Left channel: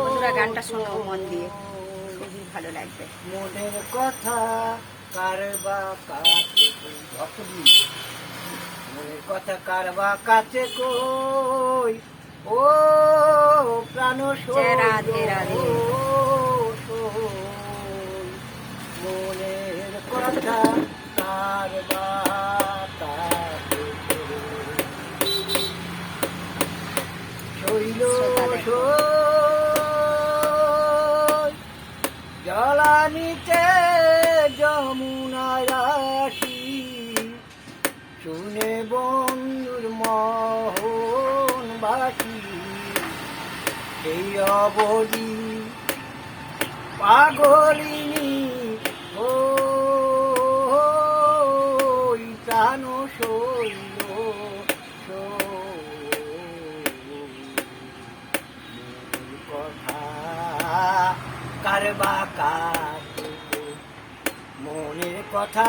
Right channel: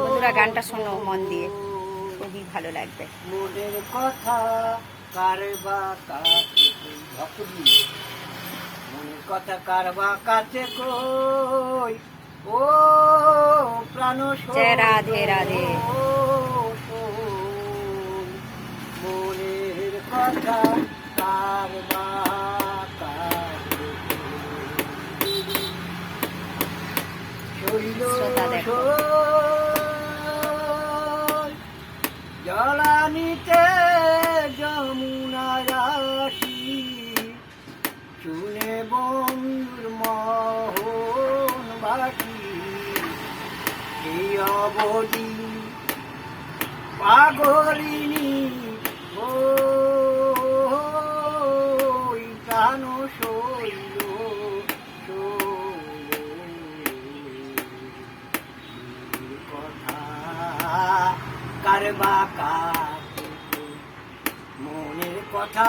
বন্ধুরা গানটা শোনো মন দিয়ে, খুবই ভালো লাগবে। মনের কথা কারবা কাছে মনের কথা কারবা কাছে কই ও প্রাণ রাধে রাধে। মনের কথা কারবা কাছে শৈল জলানিতে যমুনায় আসি শুনে বন্ধুর মোহন বাসি এই অবধি পাগলিনী ও প্রাণ শৈল কথা কারবা কাছে মনের কথা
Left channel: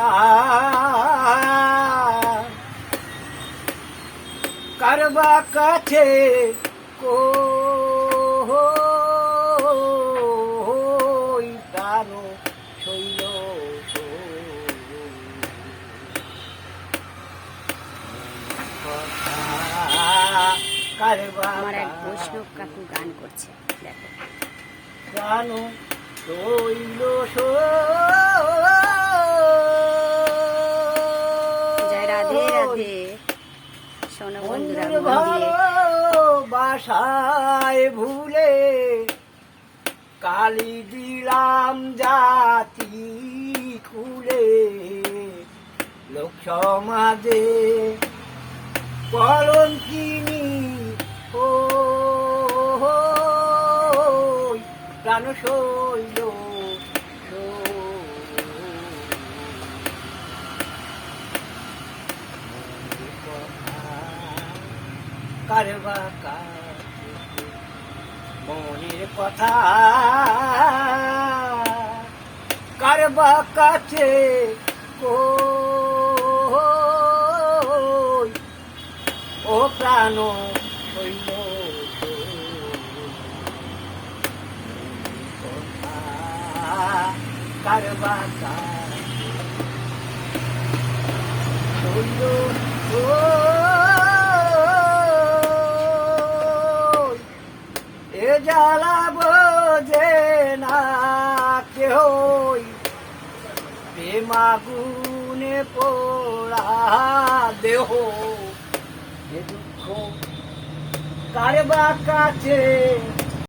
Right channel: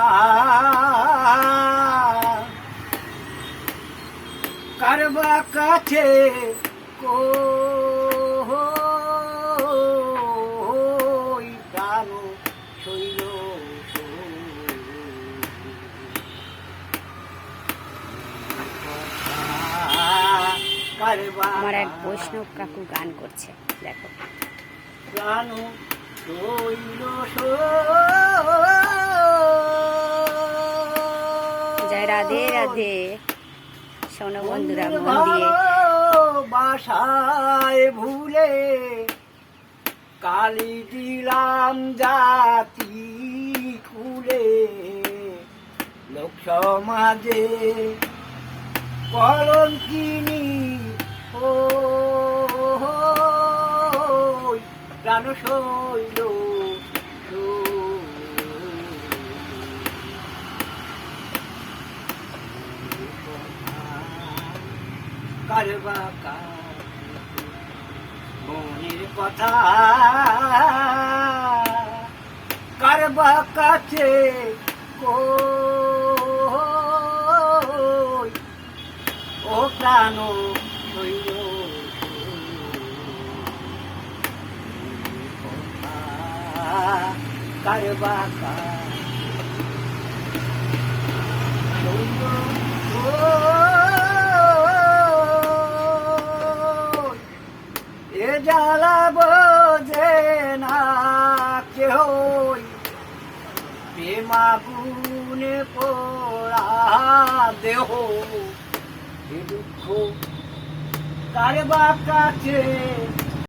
কারবা কাছে কই প্রাণ শৈল কারবা আমার এক বৈষ্ণব কাকু গান করছে, দেখো। প্রাণ শৈল জয় রাধে রাধে। শোনো বন্ধুরা মন দিয়ে। বাসায় ভুলে কালি দিলাম জাতি খুলে লোক সমাজে কলঙ্কিনী ও প্রাণ শৈল কারবা মনের কথা কারবা কাছে কই ও প্রাণ শৈল কারবা এ জ্বালা বোঝে না কেহ প্রেমা গুনে পোড়া দেহ এ দুঃখ কারবা কাছে